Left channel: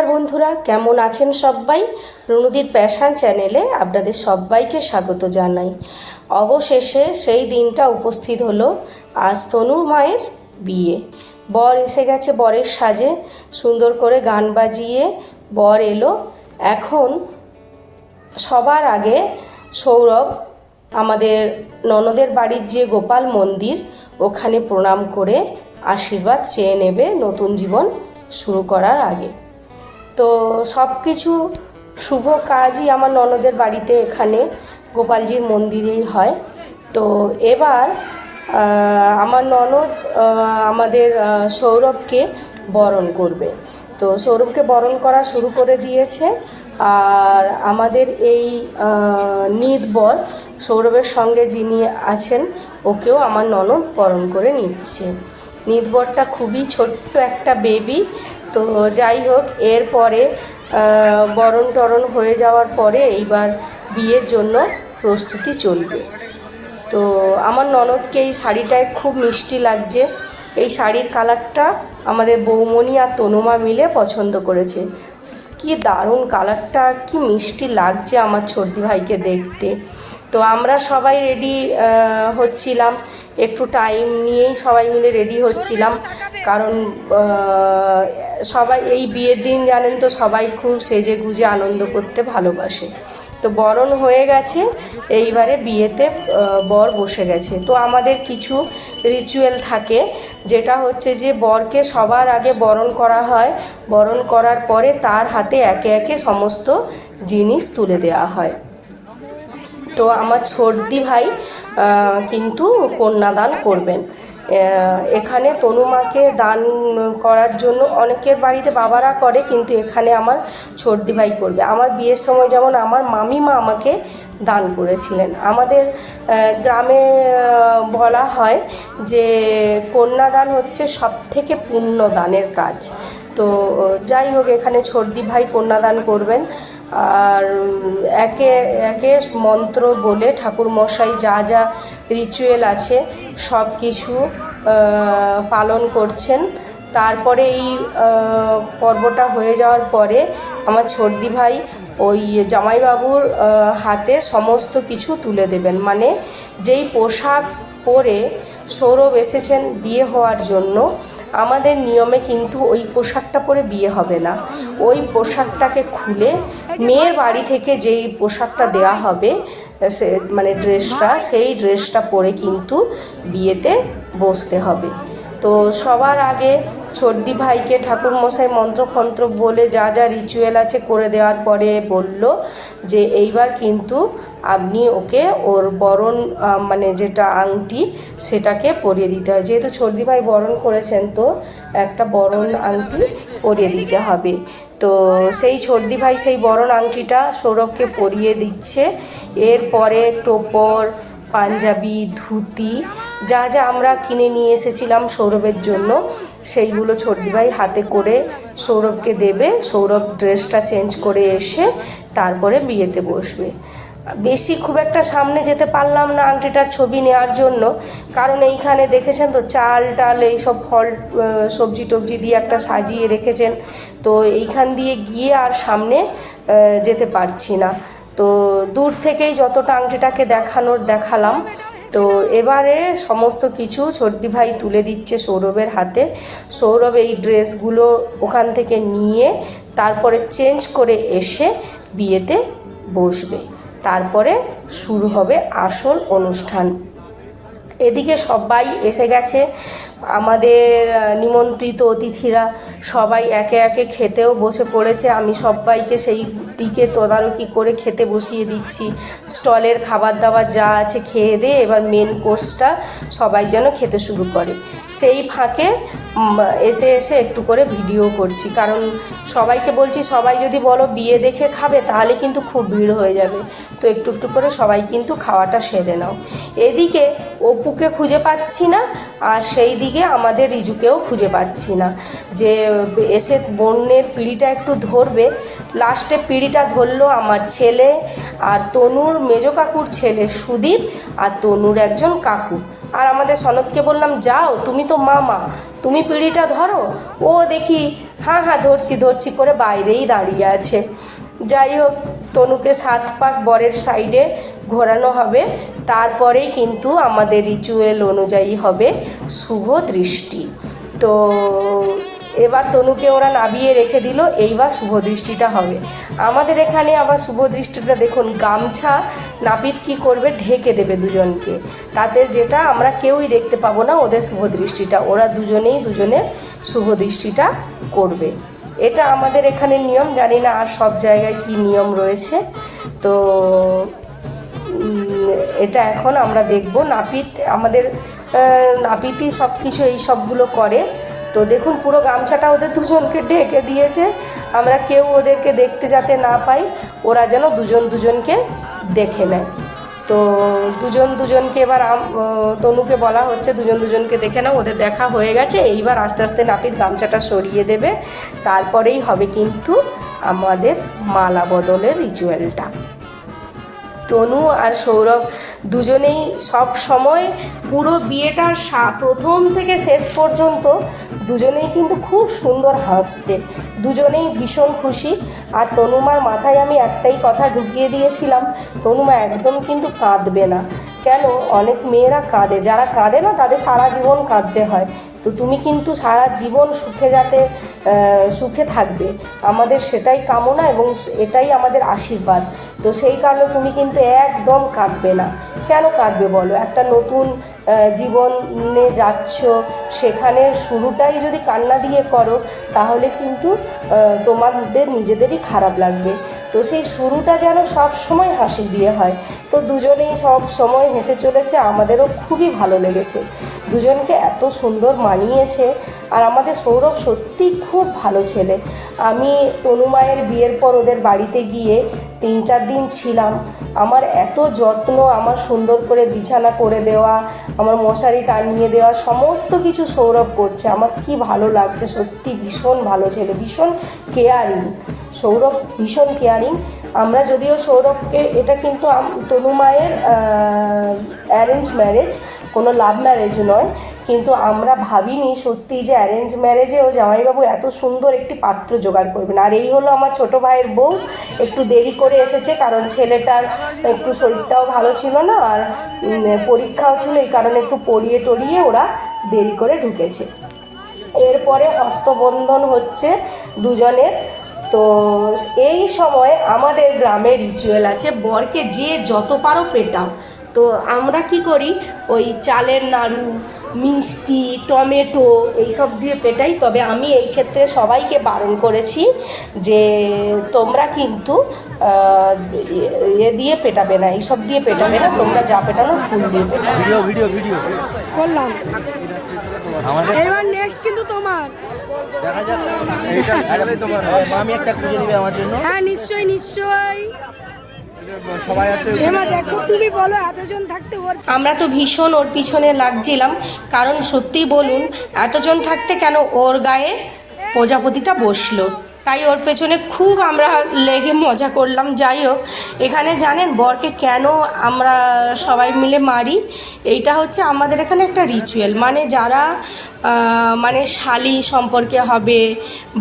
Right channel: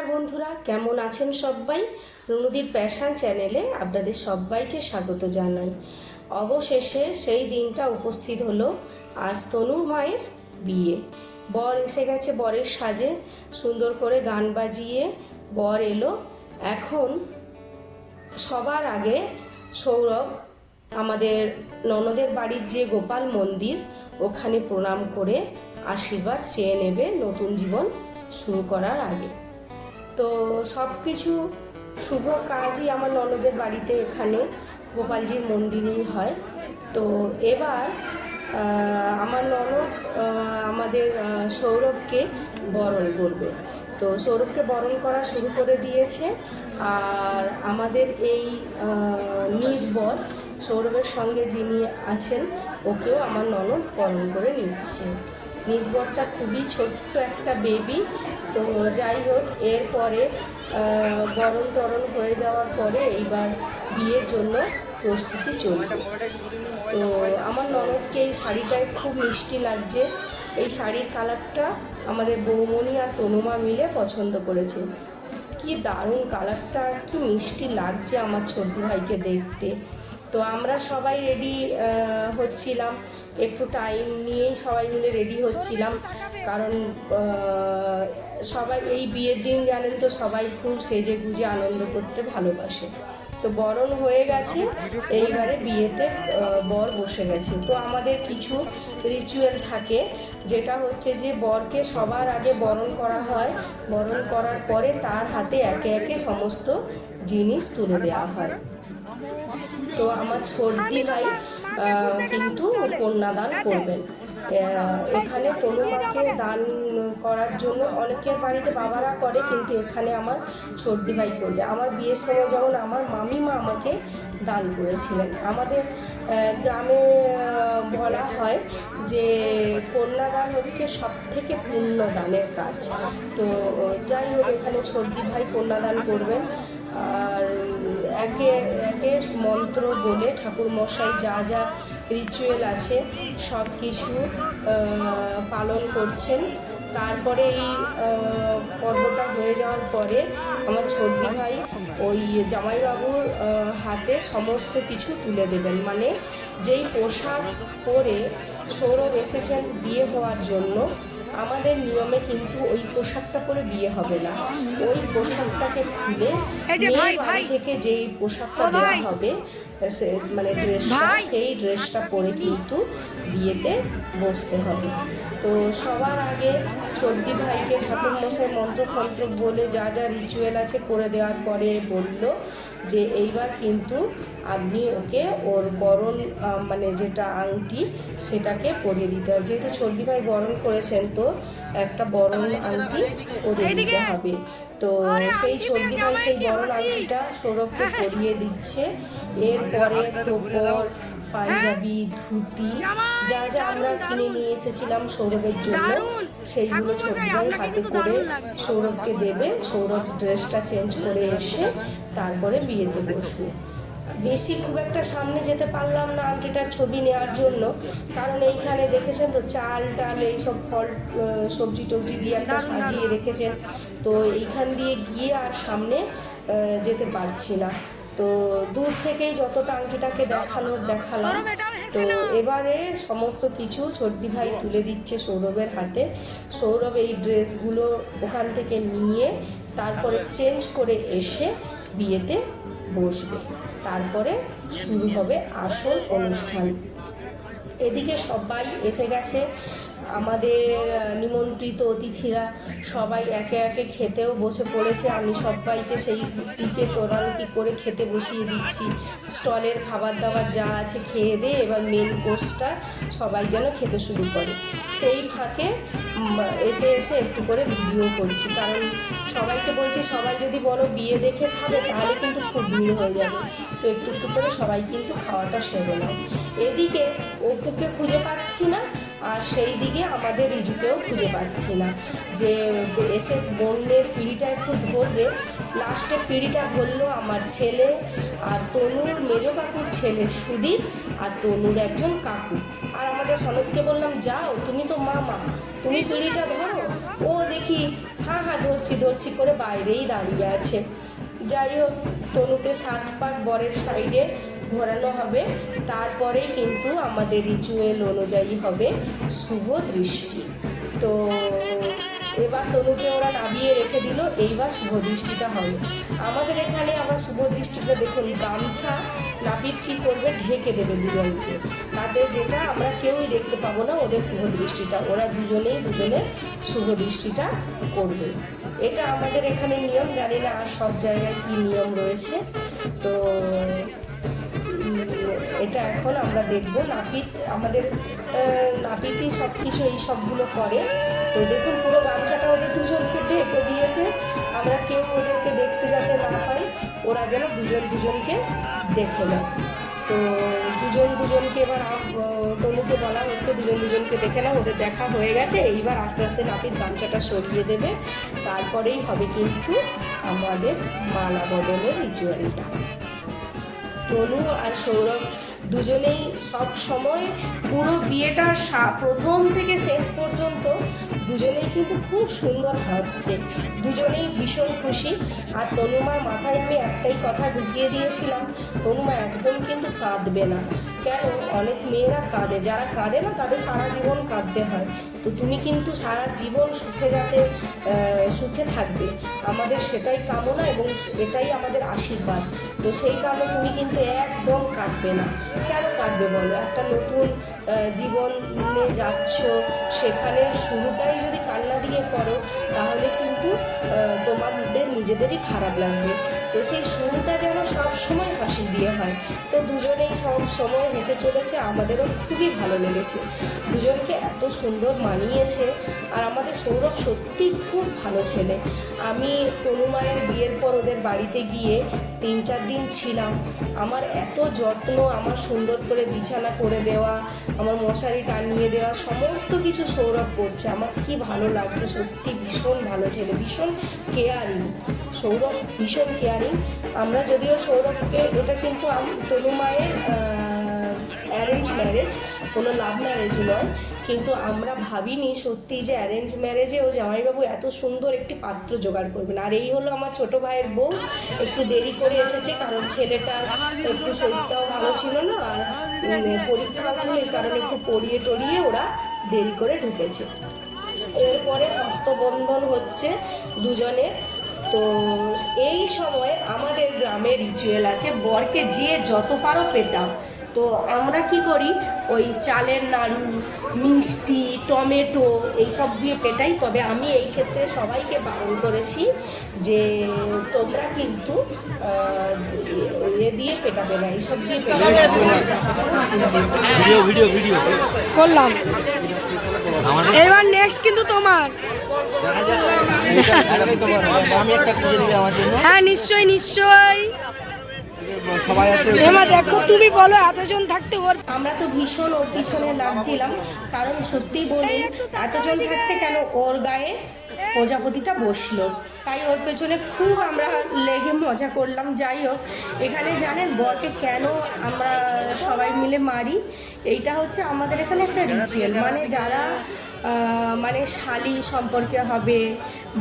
নমস্কার বন্ধুরা, কেমন আছেন সবাই? রুনুদির প্যাশন চ্যানেলে আপনাদের সবাইকে স্বাগত জানাই। অবশেষে সেই দিনটা উপস্থিত হলো। আজ তনুর মায়ের বিয়ে। বর এসে গেছে বরের সাজে, সুন্দর করে গান বাজিয়ে বর এলো। এখন সবার আগে সৌরভ আমাদের ননদের বাড়ির যে গোপাল মন্দির, ওখানে প্রণাম করে আশীর্বাদ চেয়ে নেবে নতুন জীবন শুরু করার আগে। তো সব কিছু শুভ কাজই আমার ননদের বাড়িতে এখানে গোপালজির মন্দিরেই হয়। তো এবার আমার ননদ আমাদের সৌরভকে বরণ করবে। তো সৌরভকে বরণ করা শুরু করে দিয়েছে। আর আমাদের এই নিতবর সৌরভের সঙ্গে যিনি আছেন, ওকেও আমার ননদ বরণ করে নিচ্ছে। নিতবরটা খুবই ছোট্ট একটা বেবি। তো যাই হোক, এরপরে বরণ টরণ হয়ে যাওয়ার পরে এইবার বিয়ের জন্য প্রস্তুতি চলবে। তো আমার ননদকে এই শাড়িটায় খুব মিষ্টি লাগছে। এই শাড়ির কালারটা আমাদের বৌমণি আর তনুমা মিলে পছন্দ করেছে। কি দারুণ কালারটা, কি মিষ্টি লাগছে আমার ছোটদি ভাইকে দেখতে। তো আমরা সবাই রেডি হচ্ছিলাম, একটু টাইম নিয়েই সবাই মিলে রেডি হচ্ছিলাম, কারণ সবাই এই বিয়ের দিন জানেন তো সবাই খুব সেজে গুজে আনন্দ করতে ভালোবাসে। তো বরণ হয়ে গেছে, এইবারে বিয়েতে বর বসে গেছে। তো আমাদের কিছু রিচুয়াল থাকে, যেটা হচ্ছে যে বরকে সবার আগে বরণ করা হয়। বরণ করার পরে তার হাতে একে একে সমস্ত জিনিস তুলে দেওয়া হয়। তো আমার ছোটদি ভাই কিন্তু কন্যাদান করবেন। এখানে তনুমাকে দান করার জন্য অনেকের বাড়িতে বাবারা করে, কিন্তু এখানে আমার ছোটদি ভাই করবে। আমার বিয়ের সময় যেমন আমার মামিমা আমাকে দান করেছিলেন। আমাদের গ্রামে বলা হয় যে কন্যাদান হচ্ছে সবথেকে পুণ্য দানের কাজ। তো যাই হোক, এখানে ছোটদি ভাই কন্যাদান করবেন। আর একে একে মন্ত্র বলে ঠাকুরমশাই যা যা রিচুয়াল আছে সব কিছু পালন করছেন। তারপরে এই পর্বটা হয়ে যাওয়ার পরে আমার ছোটদি ভাই ওই জামাইবাবুর হাতে সমস্ত কিছু তুলে দেবেন। মানে যেই পোশাক পরে সৌরভ এসেছেন বিয়ে হওয়ার জন্য, আমাদের নিয়মে কিন্তু ওই পোশাকটা পরে বিয়ে হবে না। ওই পোশাকটাকে খুলে মেয়ের বাড়ি থেকে যেই পোশাকটা দেওয়া হবে, সে মানে ড্রেসটা, সেই ড্রেসটা পরে কিন্তু বিয়েতে বসতে হবে। তো সবার আগে ছোটদি ভাইকে ঠাকুরমশাই মন্ত্রফন্ত্র বলে যা যা রিচুয়াল আছে করে দেওয়ার পরে বলল যে এইবার কিন্তু আপনি ওকে ওর বরণ মানে যেটা আংটি সেটাকে পরিয়ে দিতে হয়। যেহেতু ছোটদি ভাই বরণ করেছেন, তো একটা বরণ আংটি পরিয়ে দিতে হবে। তো সেই ছোটদি ভাই সেই বরণ আংটিটা সৌরভকে পরিয়ে দিচ্ছে। এরপরে টোপর, পাঞ্জাবি, ধুতি যা যা আমরা কিনে নিয়ে এসেছিলাম সৌরভের জন্য, সেইগুলো ছোটদি ভাই হাতে করে সৌরভকে দেবে। সৌরভ ড্রেসটা চেঞ্জ করে এসে তারপরে বিয়েতে বসবে। বেশি খুব একটা সামনে যেতে পারলাম না আংটিটার ছবি নেওয়ার জন্য, কারণ এইখানে দেখেছেন তো চাল টাল এইসব ফল সবজি টবজি দিয়ে একটা সাজিয়ে রেখেছেন। তো এইখান দিয়ে গিয়ে আর সামনে যেতে পারছি না। তো দূর থেকেই যতটা আংটিটাকে দেখালাম। তো এবারে সমস্ত কিছু ছোটদি ভাই তুলে দিচ্ছে সৌরভের হাতে। সৌরভ এই ড্রেসগুলো ওখান থেকে নিয়ে তারপরে চেঞ্জ করে এসে বিয়েতে বসবে। তারপরে শুরু হবে আসল অনুষ্ঠান। এদিকে সবাই এসে গেছে, আমাদের নিমন্ত্রিত অতিথিরা সবাই একে একে খেতেও বসে পড়েছে। আমি সবাইকে সেই দিকে তদারকি করে খেতে বসিয়ে দিচ্ছি। স্টলের খাবার দাবার যা আছে খেয়ে দিয়ে এবার মেন কোর্সটা সবাই যেন খেতে শুরু করে। সেই ফাঁকে এসে এসে একটু করে ভিডিও করছি, কারণ সবাইকে বলছি সবাই যদি বলো বিয়ে দেখে খাবে তাহলে কিন্তু খুব ভিড় হয়ে যাবে। তো একটু একটু করে সবাই কিন্তু খাওয়াটা সেরে নাও। এদিকে অপুকে খুঁজে পাচ্ছি না, আর সেই দিকে চারিদিকে আমাদের রিজুকেও খুঁজে পাচ্ছি না, যে এসে বোনের পিঁড়িটা একটু ধরবে। লাস্টে পিঁড়িটা ধরলো আমার ছেলে আর তনুর মেজো কাকুর ছেলে সুদীপ আর তনুর একজন কাকু। আর আমাদের সনদকে বললাম, যাও তুমি তো মামা, তুমি পিঁড়িটা ধরো। ও দেখি হ্যাঁ হ্যাঁ ধরছি ধরছি করে বাইরেই দাঁড়িয়ে আছে। যাই হোক, তনুকে 7 পাক বরের সাইডে ঘোরানো হবে, তারপরেই কিন্তু আমাদের রিচুয়াল অনুযায়ী হবে শুভ দৃষ্টি। তো এবার তনুকে ওরা নাবিয়ে রেখে দিল, এইবার শুভ দৃষ্টিটা হবে। আমাদের এখানে আবার শুভ দৃষ্টিটা দেখুন, গামছা নাপিত কী করবে, ঢেকে দেবে দুজনকে, তাতে যেটা আমরা কেউই দেখতে পাবো না ওদের শুভ দৃষ্টিটা, ওরা দুজনেই দুজনের শুভ দৃষ্টিটা করবে। এটা আমাদের এখানে নিয়ম, জানি না আর সব জায়গায় কি নিয়ম রয়েছে। তো এটা এখন আমরা দেখব। আমাদের নাপিতই সব কিছু এই সবগুলো করে। তো দেখুন পুরো গামছাটা ওদের দুজনকে ঢেকে দিয়েছে, আমরা কেউ ওদেরকে দেখতে যাতে না পাই, ওরা যেন দুজন দুজনকে দেখে নেয়। তো দুজন দুজনকে এবার তনুকে বলা হচ্ছে দুজন দুজনকে দেখে নাও, ওদের দেখা হয়ে গেছে। এইবার আস্তে আস্তে নাপিত গামছাটা সরিয়ে দেবে, তারপরেই হবে কিন্তু আমাদের মালা বদলের রিচুয়ালটা। তনু আর সৌরভ দুজনেই সব সময় পুরো বিয়েটার প্রথম থেকে শেষ পর্যন্ত দুজনেই কিন্তু খুব সুন্দর হাসছে, দুজনেই ভীষণ খুশি। আর তনুমার মাথায় আমি একটাই কথা ঢুকিয়ে দিয়েছিলাম, তনুমা একদম কিন্তু কাঁদবে না। কেন, অনেক মেয়েরা কাঁদে, যারা কাঁদে না তাদের সারা জীবন কাঁদতে হয়। তো তুমি কিন্তু সারা জীবন সুখে থাকবে, আমাদের সেটাই কামনা এবং এটাই আমাদের আশীর্বাদ। তো সেই কারণে তুমি কিন্তু একদম কাঁদবে না। কেন কাঁদবে বলো, একটা নতুন জীবনে যাচ্ছ, সেখানে শুরুটাই যদি কান্না দিয়ে করো তাহলে কিন্তু তোমাদের নিজেদেরই খারাপ লাগবে। তো সেই শুরুটা যেন সব সময় হাসি দিয়ে হয়। তো দুজনেই সব সময় হেসে চলেছে, আমাদেরও খুবই ভালো লেগেছে, দুজনকে এত সুন্দর মানিয়েছে। আর আমাদের সৌরভ সত্যি খুব ভালো ছেলে। আমি তনুমায়ের বিয়ের পর ওদের বাড়িতে গিয়ে 3-4 দিন ছিলাম, আমার এত যত্ন, আমার সুন্দর করে বিছানা করে দেওয়া, আমার মশারি টানিয়ে দেওয়া, সমস্ত কিছু সৌরভ করছে। আমার কি ভালো লাগছে, সত্যি ভীষণ ভালো ছেলে, ভীষণ কেয়ারিং। সৌরভ ভীষণ কেয়ারিং। আমরা যদিও সৌরভকে, এটা কিন্তু তনুমায়ের অ্যারেঞ্জ ম্যারেজ, কোনো লাভ ম্যারেজ নয়, কিন্তু আমরা ভাবিনি সত্যি যে অ্যারেঞ্জ ম্যারেজেও জামাইবাবু এত সুন্দর একটি পাত্র জোগাড় করবেন। আর এই হলো আমার ছোটো ভাইয়ের বউ, একটু দেরি করে এসেছে কারণ ছেলেটার একটু শরীরটাও ভালো ছিল না, আর পরীক্ষাও ছিল, এই কারণে একটু পড়িয়ে টড়িয়ে ওরা দেরি করে ঢুকেছে। এরপরে হস্তবন্ধন হচ্ছে দুজনের। তো এই সময় আমাদের গ্রামে রিচুয়াল আছে, বরকে যে যত পারো পেটাও। তো আমরা কি করি, ওই চালের নাড়ু, মিষ্টি, টমেটো এইসব দিয়ে পেটাই। তবে আমি এই ক্ষেত্রে সবাইকে বারণ করেছি যে তোমরা কিন্তু দিয়ে পেটাবে না, এইসব দিয়ে পেটাবে না, তোমরা যা পেটানো ফুল দিয়ে ভিডিও করলাম। এবার নেক্সট কিন্তু তোমার, দেখা যাক তোমার আমি একটা খুঁজে দিবে আমার জন্য। হ্যাঁ নিশ্চয়ই নিশ্চয়ই, সবাই আছে। এমা দেখো তুমি বলো, এতজন থাকতে ওর, আমরা তো ভীষণ ওর পিছনে লাগছিলাম, কারণ সত্যি বলুন এতজন থাকতে কেন ওর গায়ে প্রজাপতিটা বসলো, তাই ওর পেছনে খুব আমরা লেগে মজা করলাম। যাই হোক, এখানে জানেন বরকে কেন আমরা সবাই মিলে মারি, এইটা হচ্ছে আমাদের এখানে একটা রিচুয়াল, মানে যারা মানে শালি সম্পর্কে হবে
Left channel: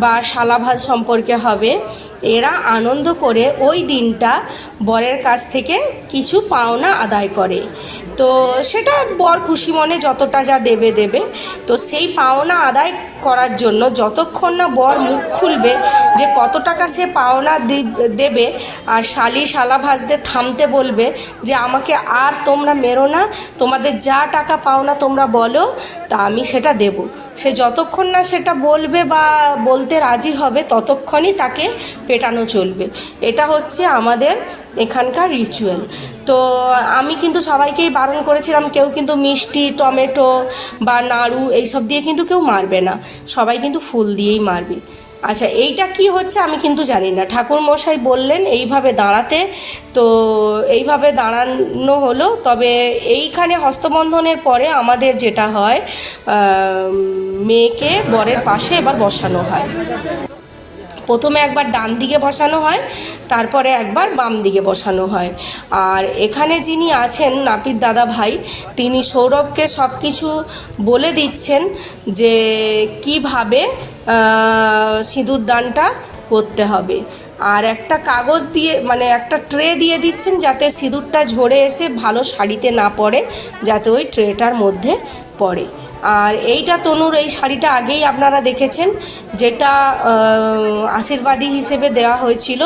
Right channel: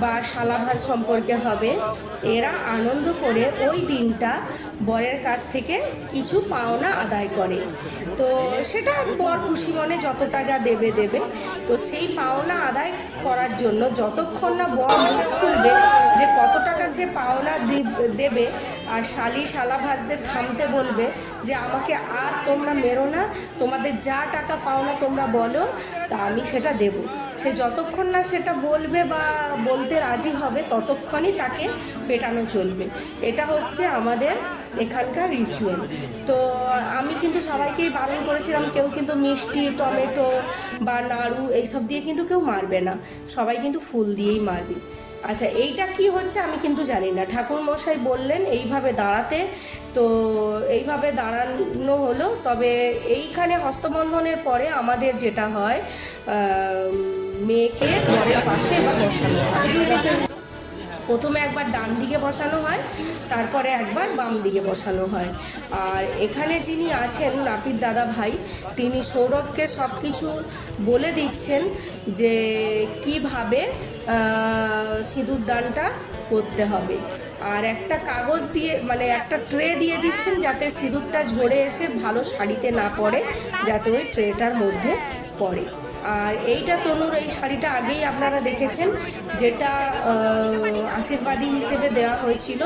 বা শালাভাজ সম্পর্কে হবে, এরা আনন্দ করে ওই দিনটা বরের কাছ থেকে কিছু পাওনা আদায় করে। তো সেটা বর খুশি মনে যতটা যা দেবে। তো সেই পাওনা আদায় করার জন্য যতক্ষণ না বর মুখ খুলবে যে কত টাকা সে পাওনা দেবে, আর শালাভাজদের থামতে বলবে যে আমাকে আর তোমরা মেরো না, তোমাদের যা টাকা পাওনা তোমরা বলো, তা আমি সেটা দেব। সে যতক্ষণ না সেটা বলবে বা বলতে রাজি হবে ততক্ষণই তাকে পেটানো চলবে। এটা হচ্ছে আমাদের এখানকার রিচুয়াল। তো আমি কিন্তু সবাইকেই বারণ করেছিলাম, কেউ কিন্তু মিষ্টি, টমেটো বা নাড়ু এইসব দিয়ে কিন্তু কেউ মারবে না, সবাই কিন্তু ফুল দিয়েই মারবে। আচ্ছা, এইটা কি হচ্ছে আমি কিন্তু জানি না। ঠাকুর মশাই বললেন এইভাবে দাঁড়াতে, তো এইভাবে দাঁড়ানো হলো। তবে এইখানে হস্তবন্ধনের পরে আমাদের যেটা হয়, মেয়েকে বরের পাশে এবার বসানো হয়। প্রথমে একবার ডান দিকে বসানো হয়, তারপরে একবার বাম দিকে বসানো হয়। আর এখানে যিনি আছেন নাপিত দাদা ভাই, তিনি সৌরভকে সব কিছু বলে দিচ্ছেন যে কিভাবে সিঁদুরদানটা করতে হবে। আর একটা কাগজ দিয়ে, মানে একটা ট্রে দিয়ে দিচ্ছেন যাতে সিঁদুরটা ঝরে এসে ভালো শাড়িতে না পড়ে, যাতে ওই ট্রেটার মধ্যে পড়ে। আর এইটা তনুর এই শাড়িটা আগেই আপনারা দেখেছেন, যেটা আশীর্বাদী হিসেবে দেওয়া হয়েছিল।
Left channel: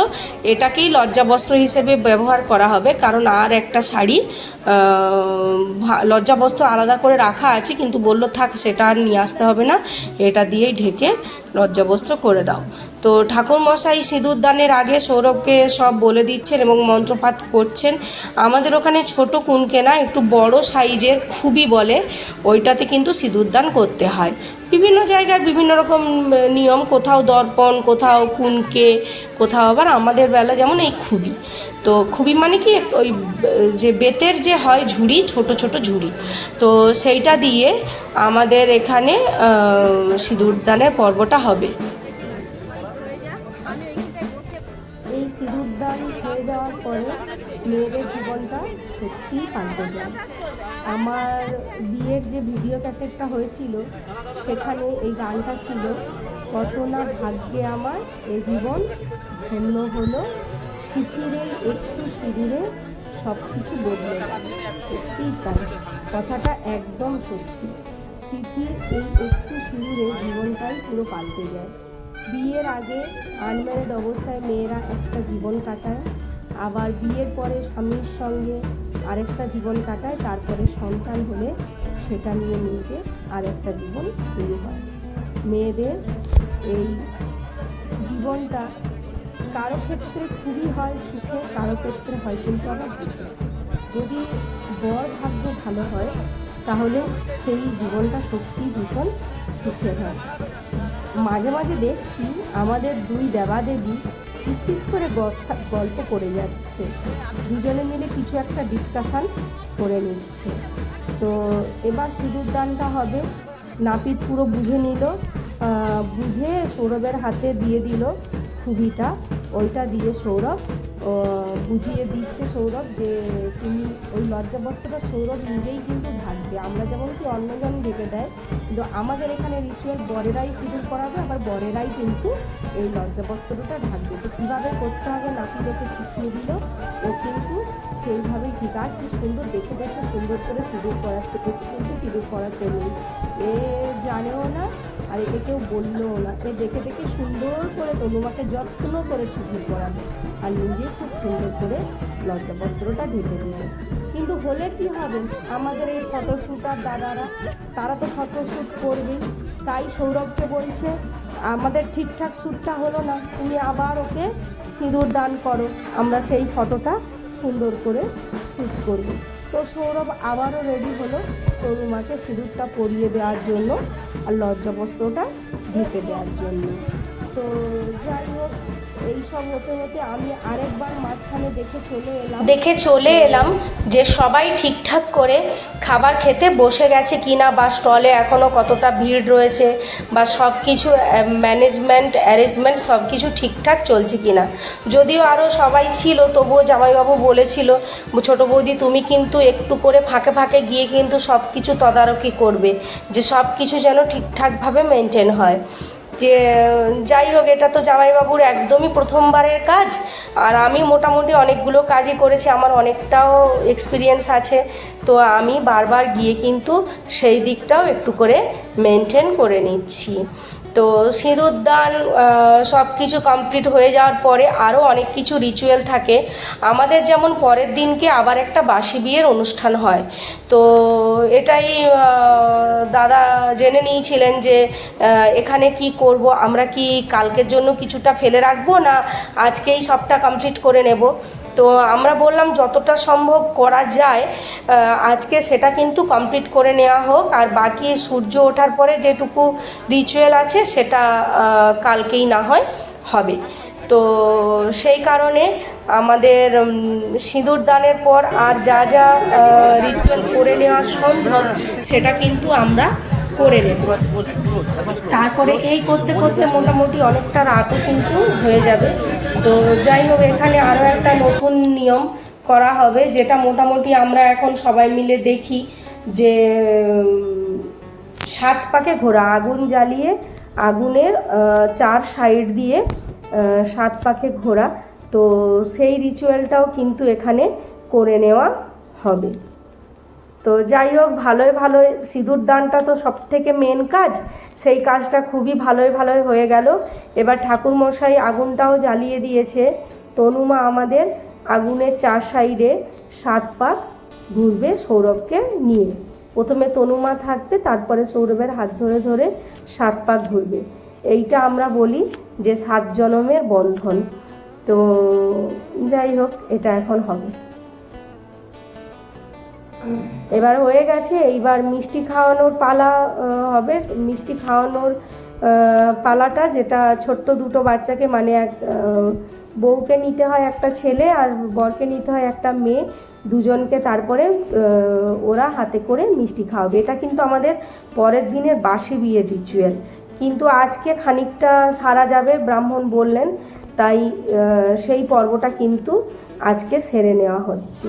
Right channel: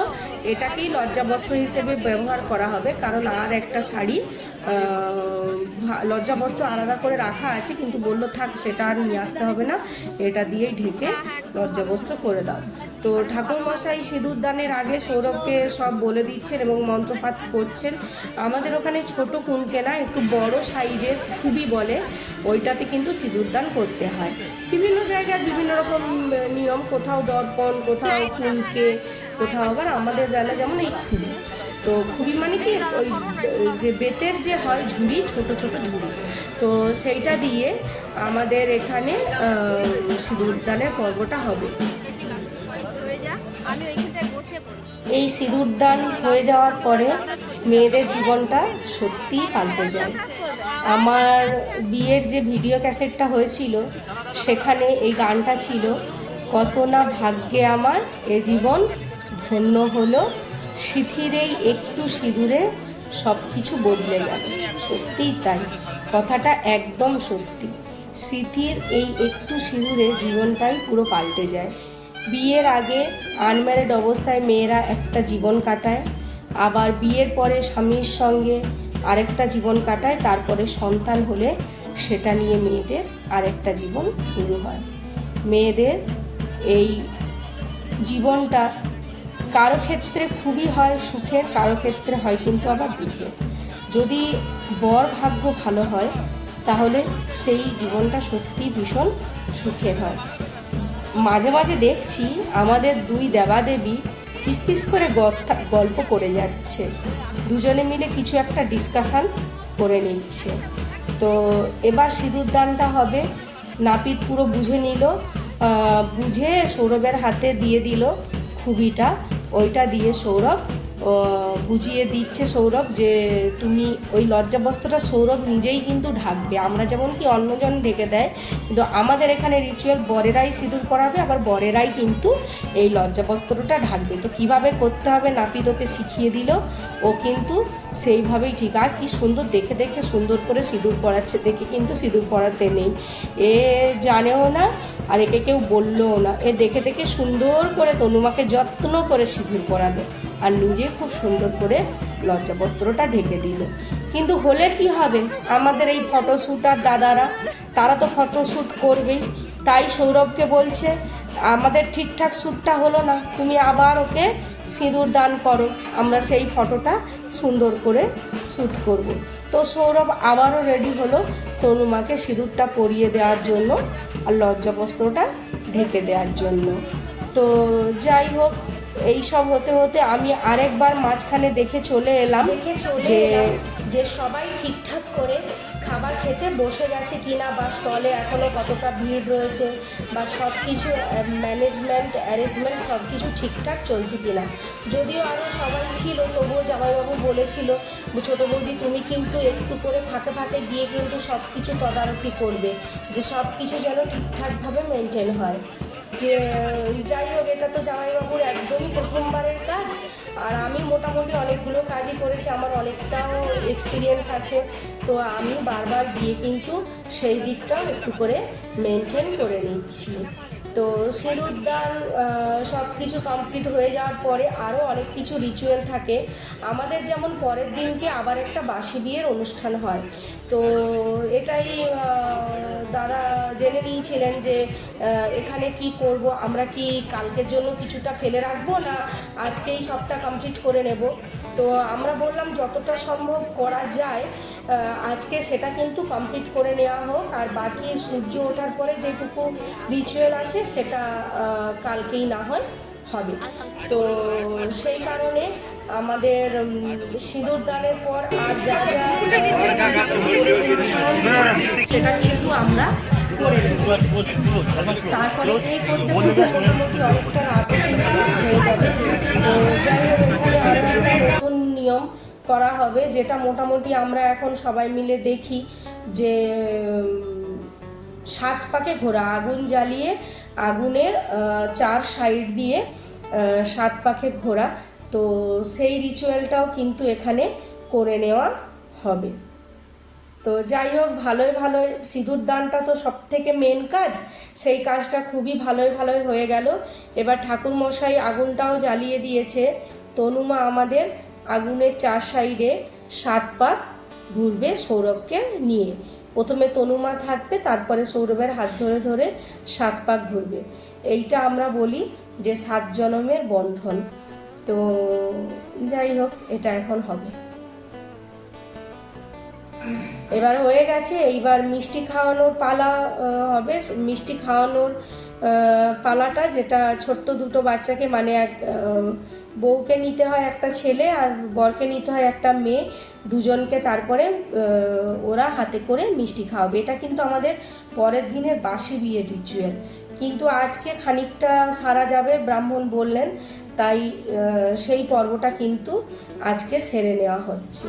এটাকেই লজ্জাবস্ত্র হিসেবে ব্যবহার করা হবে, কারণ আর একটা শাড়ি লজ্জাবস্ত্র আলাদা করে রাখা আছে, কিন্তু বললো থাক সেটা আর নিয়ে আসতে হবে না, এটা দিয়েই ঢেকে লজ্জাবস্ত্র করে দাও। তো ঠাকুরমশাই সিঁদুরদানের আগে সৌরভকে সব বলে দিচ্ছেন এবং মন্ত্রপাঠ করছেন। আমাদের ওখানে ছোট কুনকে না, একটু বড় সাইজের খুবই বলে, ওইটাতে কিন্তু সিঁদুরদান করতে হয়। বিভিন্ন জায়গার বিভিন্ন রকম নিয়ম, কোথাও দর্পণ, কোথাও কুনকে, কোথাও আবার আমাদের বেলা যেমন এই খুবই। তো খুবই মানে কি ওই যে বেতের যে হয় ঝুড়ি, ছোট ছোট ঝুড়ি, তো সেইটা দিয়ে আমাদের এখানে সিঁদুরদানের পর্বটা হবে। এই সিঁদুরদান হয়ে যাওয়ার পরে মেয়েদের জীবনটা সত্যিই পাল্টে যায়। আমার বিয়ের যে ভিডিও ক্যাসেটটা হয়েছিল, সেখানে এই গানটা ছিল, কত না ভাগ্যে আমার এ জীবন ধন্য হলো, সিঁথিরেই একটু সিঁদুরে সব কিছু বদলে গেল। সত্যিই তাই, কথাটা একদম সত্যি। সিঁথির এই একটু সিঁদুরে জীবনটাই পুরো পাল্টে যায়। বিয়ের আগে আনম্যারিড অবস্থায় মেয়েরা একটা জীবন কাটায়, আবার বিয়ের পরে স্বামীর সঙ্গে আরেকটা জীবন কাটায়, তারপরে সন্তান হলে সেটা নিয়ে মেয়েদের আরেকটা জীবন শুরু হয়। মেয়েদের এই জীবনটা কারো ক্ষেত্রে খুবই হয় সুখের, কারো ক্ষেত্রে হয় কিন্তু আবার দুঃখের। যদি বর ভাগ্য ভালো হয় তাহলে সেই জীবনটা সত্যি ভীষণ সুখের হয়। মাঝে মাঝে দেখছি আমাদের দুই দেবাদেবী ফিসফিস করে গল্প করে যাচ্ছে, দুজনে মিলে কিছু একটা ডিসকাশন করে নিচ্ছে। তো এবার সিঁদুরদানটা হবে, নাপিত পুরো বুঝে নিল, বুঝে সৌরভের হাতে দিয়ে দিল খুবিটা, ওইটা দিয়ে সৌরভ বুঝিয়ে দিচ্ছে সৌরভ যে তুমি ওই লজ্জাবস্ত্রটা সৌরভ নিজেই কিন্তু ঢাকবে। আমরা যেমন কি অন্যজন ঢেকে দেয়, কিন্তু আমাদের এখানে রিচুয়াল বরেরাই সিঁদুর পরাবে, আবার বরেরাই কিন্তু এই লজ্জাবস্ত্রটা ঢাকবে। তো কীভাবে করতে হবে নাপিত ওকে শিখিয়ে দিল, ও কিন্তু সেইভাবেই ঠিক। আর কি সুন্দর দেখে দেখে সুন্দর করে সিঁদুর পরাচ্ছে, দেখে কিন্তু সিঁদুর পরাতে নেই, এ জানেও না আর একে কেউ বললেও না। এ দেখে দেখে সুন্দর করে তনুমাকে যত্ন করে সিঁদুর পরাবে আর নিজে খুব সুন্দর করে লজ্জাবস্ত্রটা ঢেকে দিল। কিন্তু হলে কি হবে, আমাদের এই ফটোশ্যুট আর দাদারা, তারা তো ফটোশ্যুট করবেই। তাই সৌরভকে বলছে আমাদের ঠিকঠাক শ্যুটটা হলো না, তুমি আবার ওকে সিঁদুর দান করো, আমরা সেই ফটোটা সুন্দর করে শ্যুট করব। তো সৌরভ আবারও রেডি হলো তনুমাকে সিঁদুরটা পরিয়ে দেওয়ার জন্য আর লজ্জাবস্ত্রটা ঢেকে দেওয়ার জন্য। তো যাই হোক, এই সব হতে হতে আমি আরেকবার মাঝখানে দেখে চলে এলাম যে সবাই ঠিকঠাক করে খাবার খেতে বসে গেছে কিনা, বা স্টলে এখনও কতটা ভিড় রয়েছে, বা সব কিছু অ্যারেঞ্জমেন্ট সব কিছু ঠিকঠাক চলছে কিনা। যদিও আরও সবাই ছিল, তবুও জামাইবাবু বলেছিল ছোটো বৌদি তুমি কিন্তু একটু করে ফাঁকে ফাঁকে গিয়ে কিন্তু সব কিছু তদারকি করবে, যে সব কিছু যেন ঠিকঠাকভাবে মেনটেন হয়। যে যাই হোক, এটা তো জামাইবাবুর একদমই প্রথমবারের কাজ, আর আমি মোটামুটি অনেকগুলো কাজই করেছি, আমার অনেকটাও এক্সপিরিয়েন্স আছে। তো আমি বারবার গিয়ে কিন্তু সেই দিকটাও একটু করে মেনটেন করে নিচ্ছি। তো সিঁদুরদান সব কিছু কমপ্লিট হয়ে যাওয়ার পরে আরও অনেক কিছু রিচুয়াল থাকে আমাদের, যেমন পরের দিনকে আবার একটা বাসি বিয়ের অনুষ্ঠান হয়। তো এটাই দাদা জেনে নিয়েছিলেন যে এখানে কি করব, আমরা কি কালকের জন্য কিছুটা ফেলে রাখবো না আজকেই সবটা কমপ্লিট করে নেব। তো আমরা বললাম যতটা সম্ভব করা যায় আজকে সেটা কিন্তু কমপ্লিট করে নেওয়া হোক, আর বাকি সূর্য ওঠার পরে যেটুকু রিচুয়াল আছে সেটা কালকেই না হয় হবে। তো সেই কারণে আমাদের সিঁদুর দানের পর আর যা যা করে নেওয়া সম্ভব সেটা কিন্তু আমরা করে নেব। তারপরে এই করতে করতে মোটামুটি অনেকটা রাতও কিন্তু হয়ে যাবে। তো যাই হোক, এখানে আরও একটা নতুন নিয়ম করা হবে, যেটা মোটামুটি আমরা এখন সবাই মিলে দেখি যে 7 পাকে ঘোরা, আগুন জ্বালিয়ে আগুনের 4 সাইড দিয়ে 7 পাকে ঘোরা। তো সেই রিচুয়ালটাও কিন্তু এখানে করে নেওয়া হবে। তো যাই হোক, ভালোই সিঁদুর দানটা তো সব থেকে মেন কাজ, সেই কাজটা খুবই ভালোই হয়ে গেল। এবার ঠাকুরমশাই আগুনটাও জ্বালিয়ে দিয়েছে। তনুমা আমাদের আগুনের 4 সাইডে 7 পাক ঘুরবে সৌরভকে নিয়ে। প্রথমে তনুমা থাকবে, তারপরে সৌরভের হাত ধরে ধরে 7 পাক ঘুরবে। এইটা আমরা বলি যে 7 জনমের বন্ধন। তো যাই হোক, এটা এখন হবে। এবার হয়ে গেছে, এইবার মিষ্টি খাওয়ানোর পালা হবে। মিষ্টি খাওয়ানোর পালাটা, যেটা ছোট্ট দুটো বাচ্চাকে, মানে এক বউকে নিতে হয় একটা ছেলে আর বরকে নিতে হয় একটা মেয়ে, দুজনকে তারপরে ওরা হাতে করে মিষ্টি খাওয়াবে। এটা কিন্তু আমাদের পরের দিনের বাসি বিয়ের রিচুয়াল, কিন্তু আজকে খানিকটা সারা যাবে ব্রাহ্মণ বললেন, তাই সেই পর্বটা কিন্তু আজকে সেরে নেওয়া হচ্ছে।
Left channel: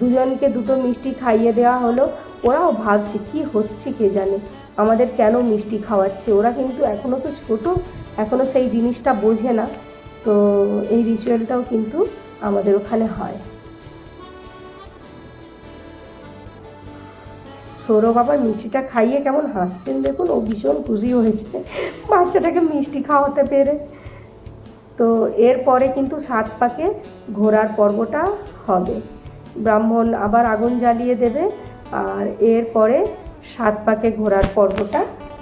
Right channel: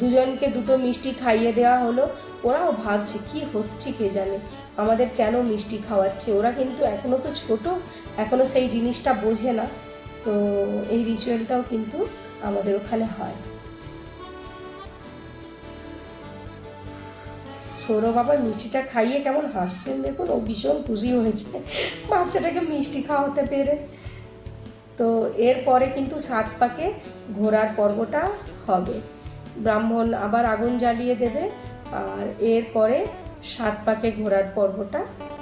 দুজনকে দুটো মিষ্টি খাইয়ে দেওয়া হলো। ওরাও ভাবছে কি হচ্ছে কে জানে, আমাদের কেন মিষ্টি খাওয়াচ্ছে। ওরা কিন্তু এখনও তো ছোট, এখনও সেই জিনিসটা বোঝে না। তো এই রিচুয়ালটাও কিন্তু আমাদের ওখানে হয়। সৌরভ আবার মিষ্টিটা খাইয়ে কেমন হাসছেন দেখুন, ও ভীষণ খুশি হয়েছে বাচ্চাটাকে মিষ্টি খাওয়াতে পেরে। তো এরপরে কিন্তু 7 পাকে ঘোরার পর্বটা হবে। ব্রাহ্মণ আবার আগুন জ্বালিয়ে দেবে, আর এরপরে 7 পাকে ঘোরার পর্বটা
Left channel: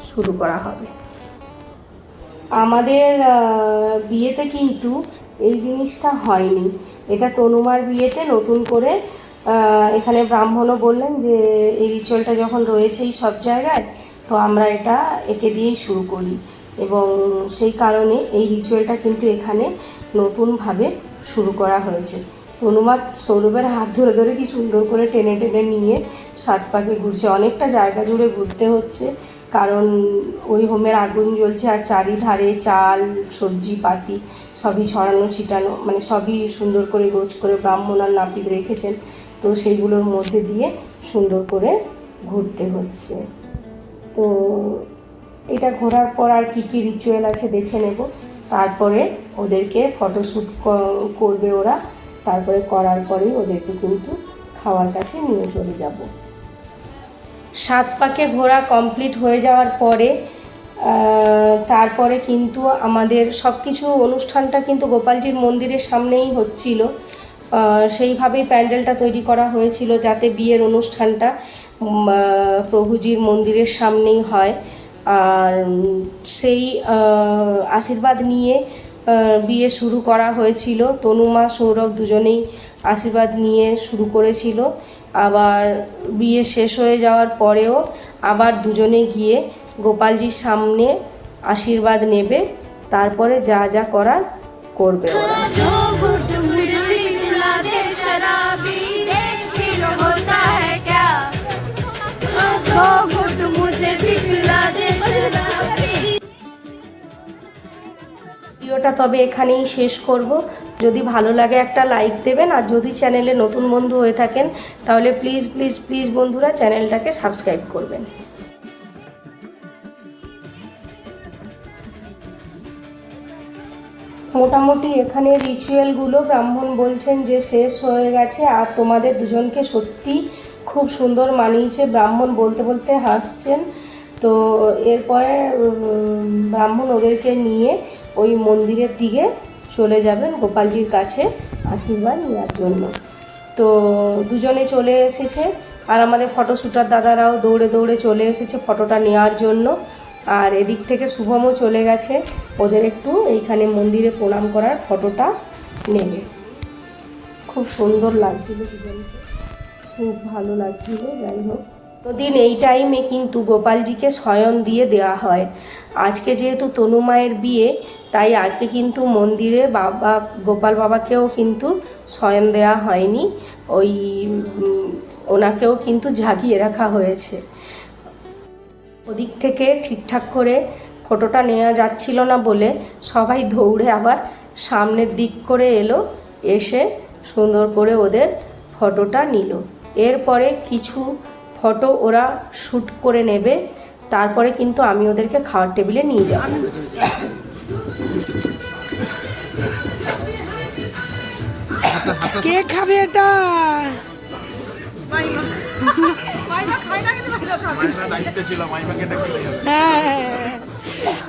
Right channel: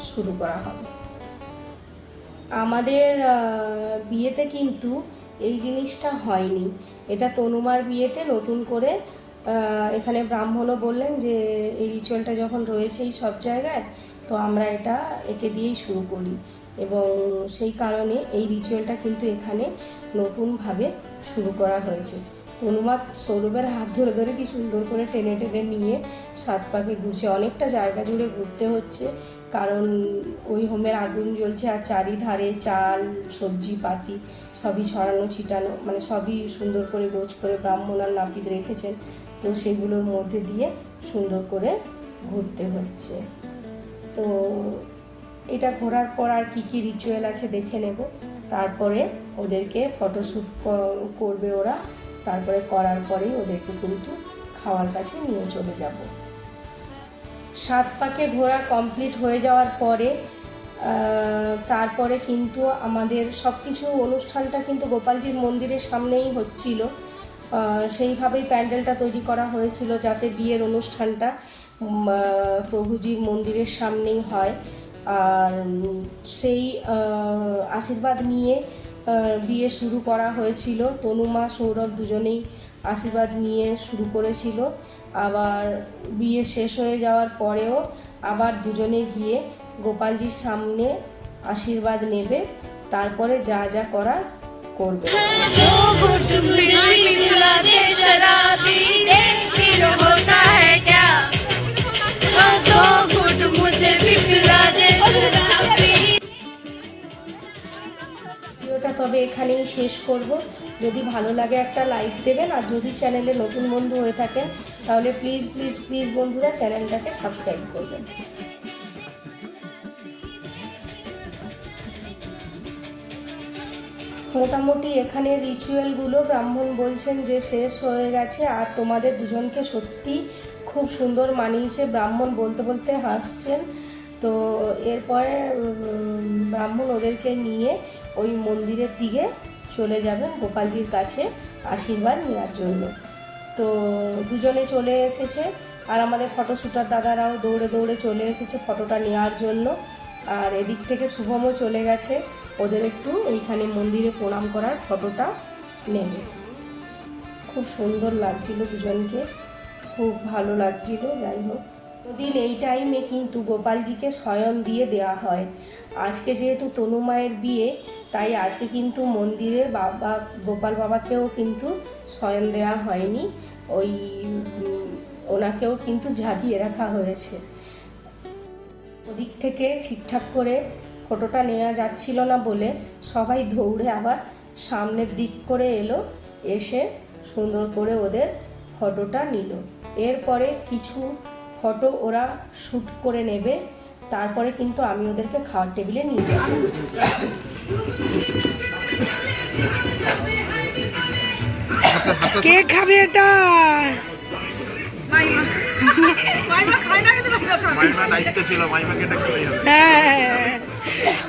শুরু করা হবে। আমাদের বিয়েতে কিন্তু এই জিনিসটা হয়নি। এটা তনুমার বিয়েতে নতুন করে এখানে ব্রাহ্মণও বললেন যে এই রিচুয়ালটা যখন রয়েছেই সব জায়গায়, তো আমরা এটা একে দিয়েই শুরু করি, এবং সেই কারণে এই রিচুয়ালটা কিন্তু এখানে নতুনভাবে শুরু করা হয়েছে। তনুমা সৌরভের হাত ধরে ধরে কি সুন্দর করে টেনে টেনে নিয়ে 7 পাকে ঘুরছে। অনেকটা জায়গা জুড়ে ঘুরতে হচ্ছে, কারণ ওই হোমের আগুন জ্বলছে, আর চারিধারে চাল সবজি পাতি সবই ছড়ানো ছিটানো, মানে সবই সুন্দর করে গোছ করে ব্রাহ্মণ আর নাপিত রেখেছেন। তো সেইগুলোর মধ্যে দিয়ে সুন্দর করে ঘুরতে হচ্ছে। তো এটা ঘোরার পর আর কী কী রিচুয়াল আছে দেখে নেব। তারপরে ওদেরকে ফটোশ্যুট করবে ওরা, তারপরে করার পরেই ওদেরকে কিন্তু খাওয়ার কাছে নিয়ে চলে যাব। 7 পাকে ঘোরা কমপ্লিট হয়ে যাওয়ার পরে তারপরে কিন্তু আমাদের সব কিছু অনুষ্ঠানটা কিন্তু গোপালজির মন্দিরের সামনেই হচ্ছিল। সেইভাবেই প্যান্ডেলটা তৈরি করা হয়েছিল যাতে বিয়ের অনুষ্ঠানটা প্রভুজির মন্দিরের সামনেই হয়। আর সেই আশীর্বাদ নিয়ে বিয়ে শুরু করা হয়েছিল। তনুমা সৌরভ দুজনেই আশীর্বাদ নিয়ে শুরু করেছিল। আবার বিয়ে শেষ হয়ে যাওয়ার পরেও আবার দুজনে গিয়ে গোপালজির সামনে আশীর্বাদ নেবে, তারপরে যা যা করার করবে। ভিডিওটা তবে এখানেই শেষ করব। যদি ভালো লাগে একটা লাইক দেবেন, আর যদি চ্যানেলে নতুন বন্ধু হয়ে থাকেন তাহলে প্লিজ প্লিজ প্লিজ বন্ধুরা চ্যানেলটাকে সাবস্ক্রাইব করবেন। মোটামুটি এখানে রিচুয়ালগুলো ব্রাহ্মণ বলছেন যে শেষ হয়ে গেছে, আর তোমাদের দুজনকে সত্যি খুব সুন্দর মানিয়েছে। ব্রাহ্মণ বলতে বলতে হাসছেন। তো এরপরে ব্রাহ্মণ ওদেরকে নিয়ে ওই মন্দিরের দিকে চলে যাবেন গোপালজির কাছে আশীর্বাদ নেওয়ার জন্য। তো দুজনে চলে এসেছে, আর আমাদের ফটোশ্যুটার দাদারাও দৌড়ে দৌড়ে চলে এসেছে ফটোটা নেওয়ার জন্য। আর এদিক থেকে শুভমও চলে গেছে ওদের একটু এইখানে মন্দিরে প্রণাম করার ফটোটা নেবে। খুব সুন্দর লাগছিল দুজনকে। খুব ভালো লাগছিল। যাই হোক, ওদিন এই টাইমে কিন্তু গোপালজিকে শয়ন দিয়ে দেওয়া হয়। আজকে যেহেতু তনু মায়ের বিয়ে, তাই আজকে কিন্তু মন্দিরে বাবা গোপাল বাবাকেও কিন্তু শয়ন দেওয়া হয়নি, ওই ওনাকেও কিন্তু জাগিয়ে রাখা হয়েছে। ওদিক থেকে ঠিকঠাক করে ফটোটা নেওয়া যাচ্ছিল না বলে সবাই দৌড়ে আবার সামনের দিক করে এলো, এসে সুন্দর করে ওদের ফটোটা নিল। এরপরে কিছু ফটো ওরা শ্যুট করে নেবে, তারপরে কিন্তু আমি ওদেরকে খাওয়ার টেবিলে নিয়ে যাব। কে খাবে এটা? দায়িত্ব ছিল, মাইমাকে এটা খেতে হবে। হ্যাঁ,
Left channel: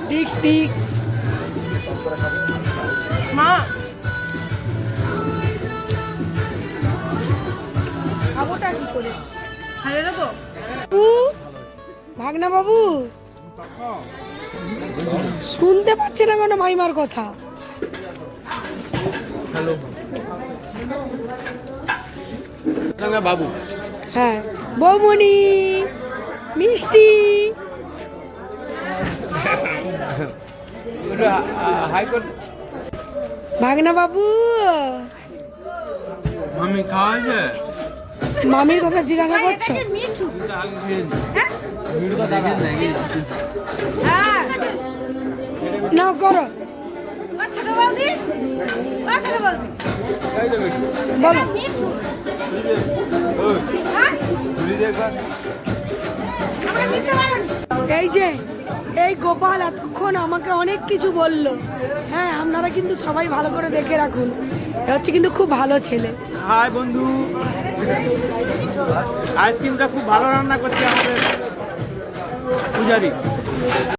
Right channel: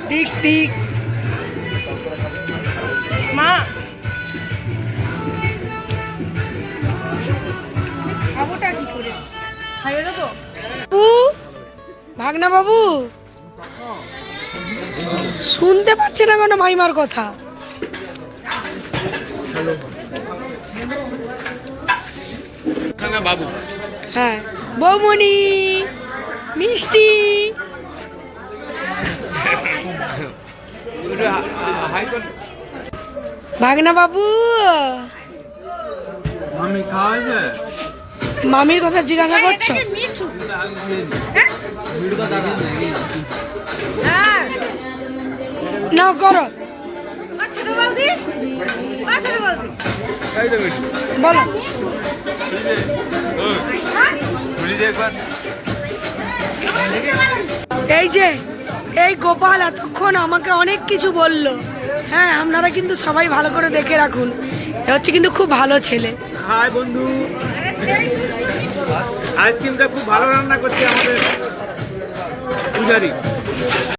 ঠিক ঠিক। মা খাবোটা কি করে? খাইয়ে দেবো বাবু, ভাগনা বাবু শুনতে পাচ্ছে না কোনো মাইমার কথা। বাবু হ্যাঁ, বৌমণি মিষ্টি। ভাগনা বাবু, মামি খাওয়াইছে? মামির কথা জিজ্ঞাসা করছো? না করো, বলো। এই যে এই গোপাল এতক্ষণ আমাকে অনেক কিছু বললো। হ্যাঁ, আপনারা কিন্তু সবাই ভালো করে দেখে রাখুন, এ হচ্ছে কিন্তু খুব ভালো ছেলে। হাই বন্ধু, আইসক্রিমটা খুব ভালো রান্না করছে আমাদের পূজারি।